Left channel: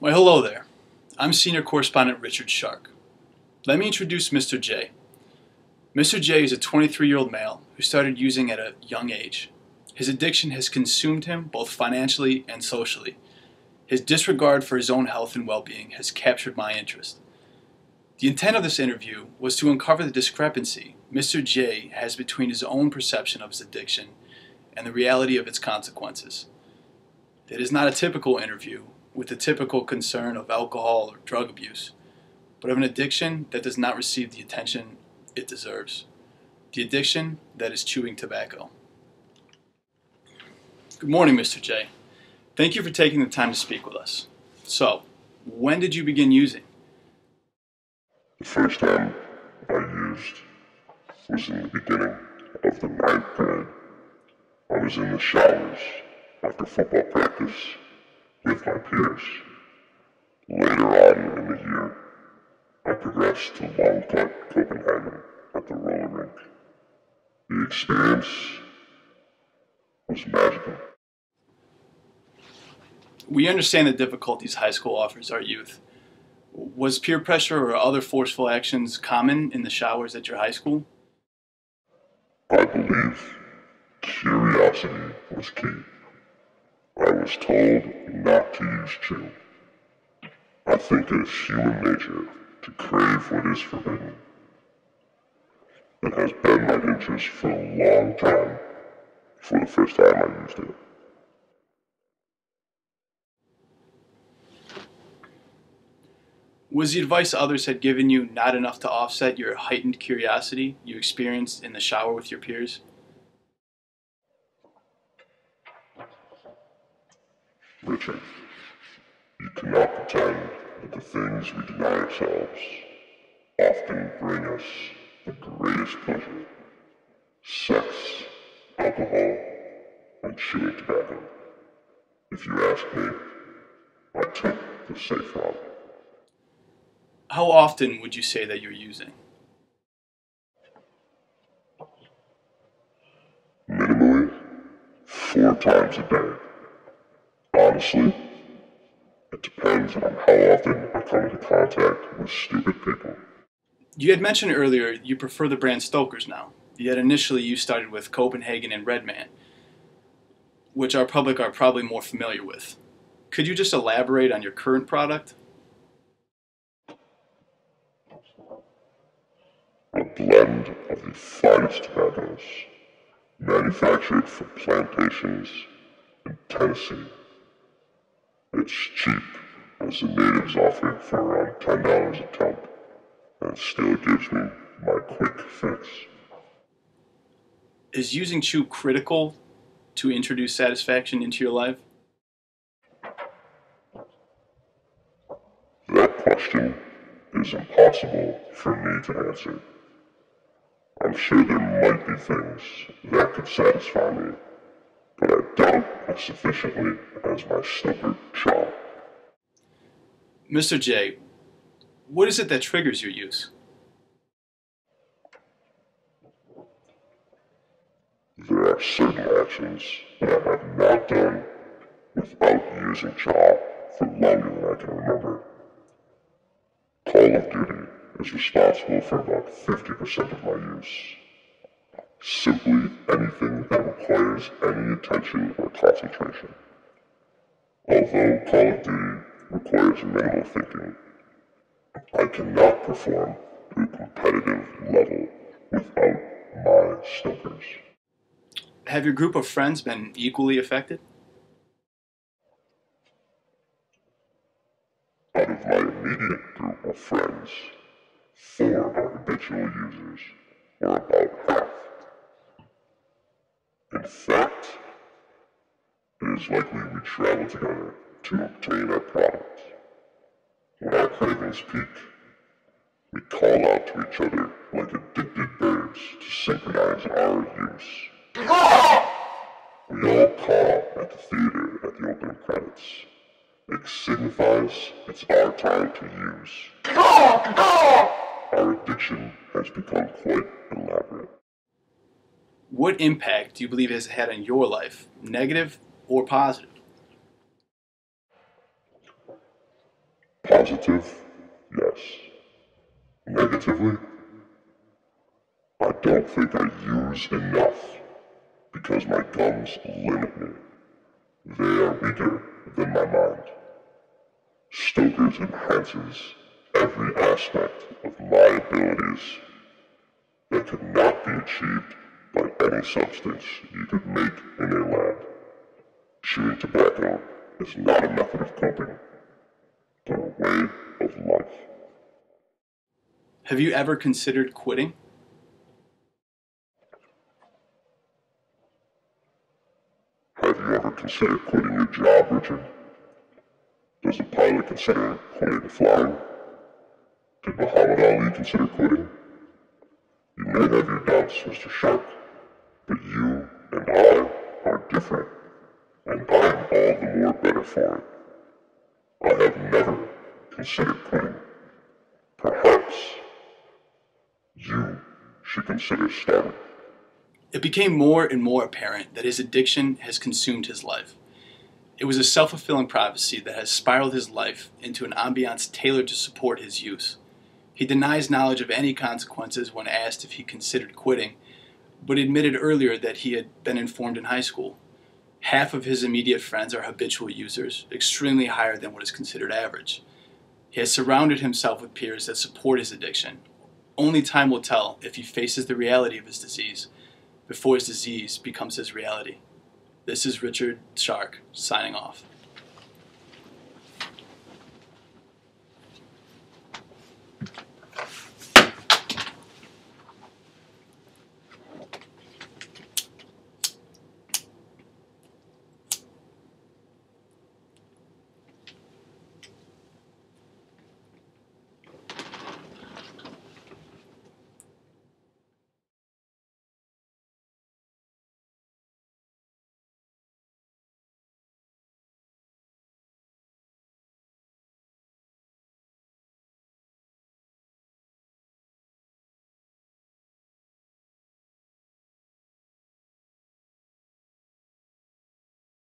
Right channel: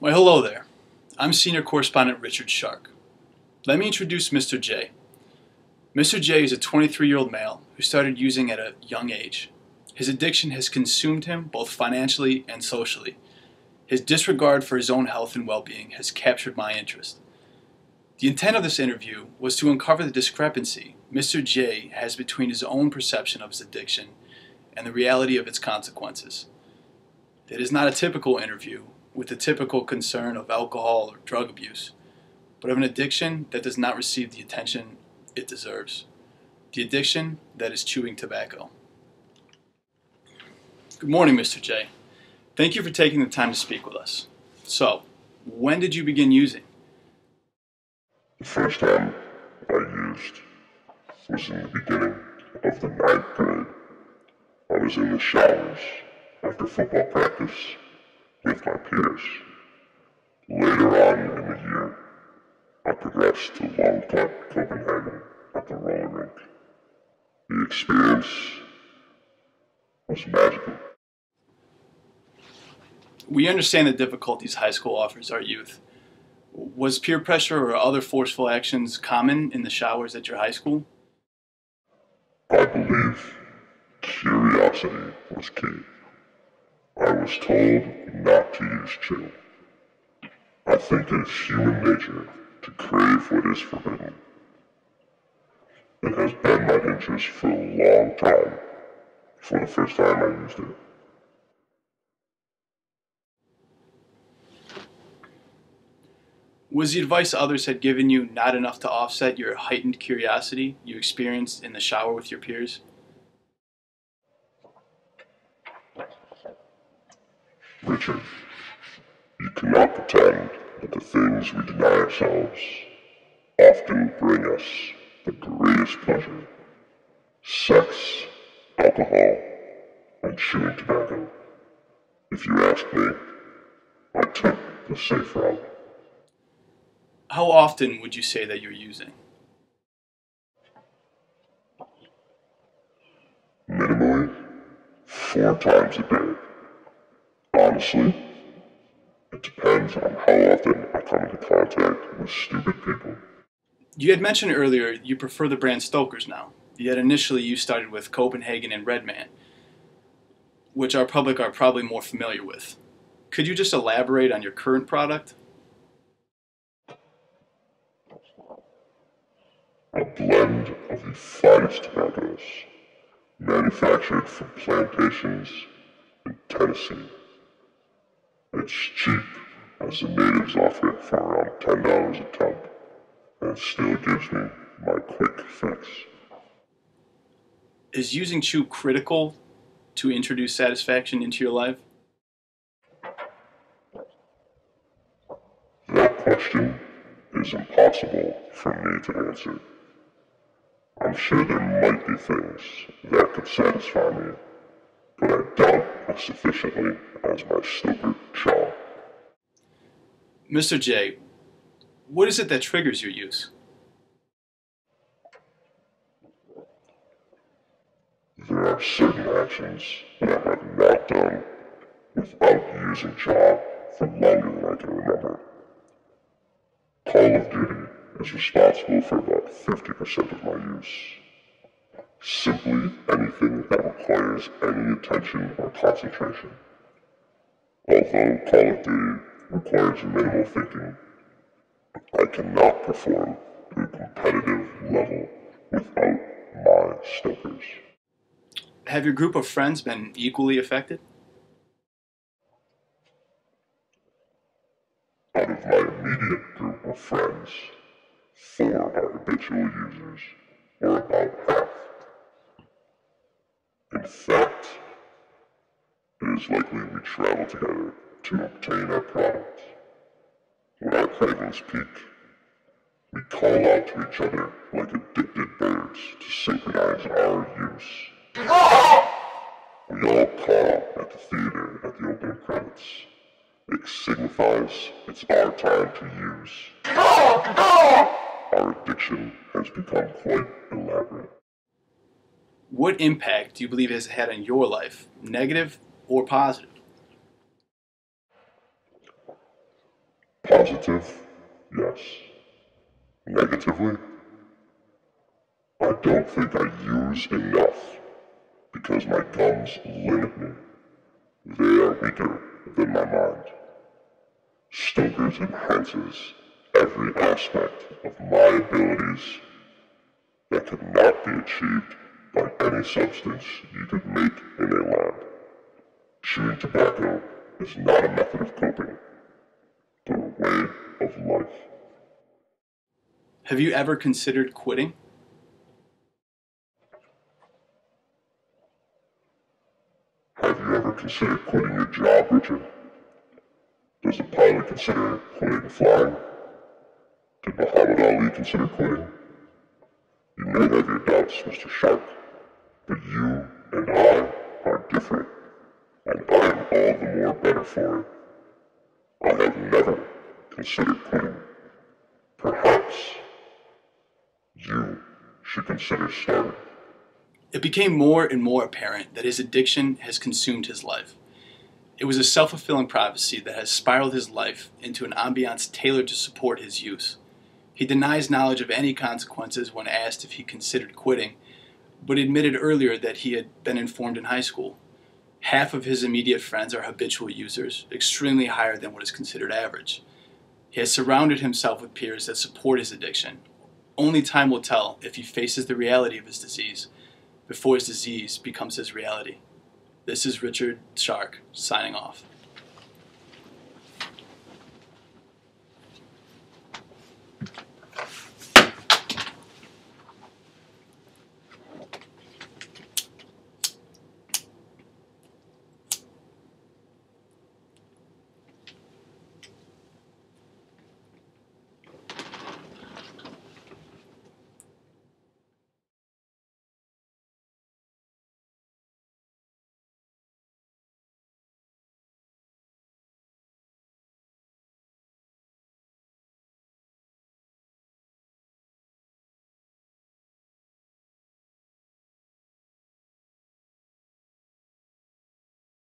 Well, hello there. I'm Senior Correspondant Richard Sharke. Let me introduce Mr. J. Mr. J is a 23-year-old male who started using at a young age. His addiction has consumed him both financially and socially. His disregard for his own health and well-being has captured my interest. The intent of this interview was to uncover the discrepancy Mr. J has between his own perception of his addiction and the reality of its consequences. It is not a typical interview with the typical concern of alcohol or drug abuse, but of an addiction that does not receive the attention it deserves. The addiction that is chewing tobacco. Good morning, Mr. J. Thank you for taking the time to speak with us. So, when did you begin using? The first time I used was in the beginning of the 9th grade. I was in the showers after football practice with my peers. Later on in the year, I progressed to Long Cut, Copenhagen at the roller rink. The experience was magical. We understand the difficulties high school offers our youth. Was peer pressure or other forceful actions common in the showers at your high school? I believe curiosity was key. I was told not to use chew. I think it is human nature to crave what is forbidden. It has been my interest for a long time before the first time I used it. Was the advice others had given you not enough to offset your heightened curiosity you experienced in the shower with your peers? Richard, you cannot pretend that the things we deny ourselves often bring us the greatest pleasure. Sex, alcohol, and chewing tobacco. If you ask me, I took the safe route. How often would you say that you're using? Minimally, 4 times a day. Honestly, it depends on how often I come into contact with stupid people. You had mentioned earlier you prefer the brand Stoker's now, yet initially you started with Copenhagen and Redman, which our public are probably more familiar with. Could you just elaborate on your current product? A blend of the finest tobaccos, manufactured from plantations in Tennessee. It's cheap, as the natives offer it for around $10 a tub, and it still gives me my quick fix. Is using chew critical to introduce satisfaction into your life? That question is impossible for me to answer. I'm sure there might be things that could satisfy me, but I doubt as sufficiently as my snookered jaw. Mr. J, what is it that triggers your use? There are certain actions that I have not done without using jaw for longer than I can remember. Call of Duty is responsible for about 50% of my use. Simply anything that requires any attention or concentration. Although Call of Duty requires minimal thinking, I cannot perform to a competitive level without my stokers. Have your group of friends been equally affected? Out of my immediate group of friends, 4 are habitual users, or about half. In fact, it is likely we travel together to obtain our product. When our cravings peak, we call out to each other like addicted birds to synchronize our use. We all caw at the theater at the opening credits. It signifies it's our time to use. Our addiction has become quite elaborate. What impact do you believe it has had on your life, negative or positive? Positive? Yes. Negatively? I don't think I use enough because my gums limit me. They are weaker than my mind. Stoker's enhances every aspect of my abilities that could not be achieved by any substance you could make in a lab. Chewing tobacco is not a method of coping, but a way of life. Have you ever considered quitting? Have you ever considered quitting your job, Richard? Does a pilot consider quitting flying? Did Muhammad Ali consider quitting? You may have your doubts, Mr. Sharke, but you and I are different, and I am all the more better for it. I have never considered quitting. Perhaps you should consider starting. It became more and more apparent that his addiction has consumed his life. It was a self-fulfilling prophecy that has spiraled his life into an ambiance tailored to support his use. He denies knowledge of any consequences when asked if he considered quitting, but admitted earlier that he had been informed in high school. Half of his immediate friends are habitual users, extremely higher than what is considered average. He has surrounded himself with peers that support his addiction. Only time will tell if he faces the reality of his disease before his disease becomes his reality. This is Richard Sharke, signing off.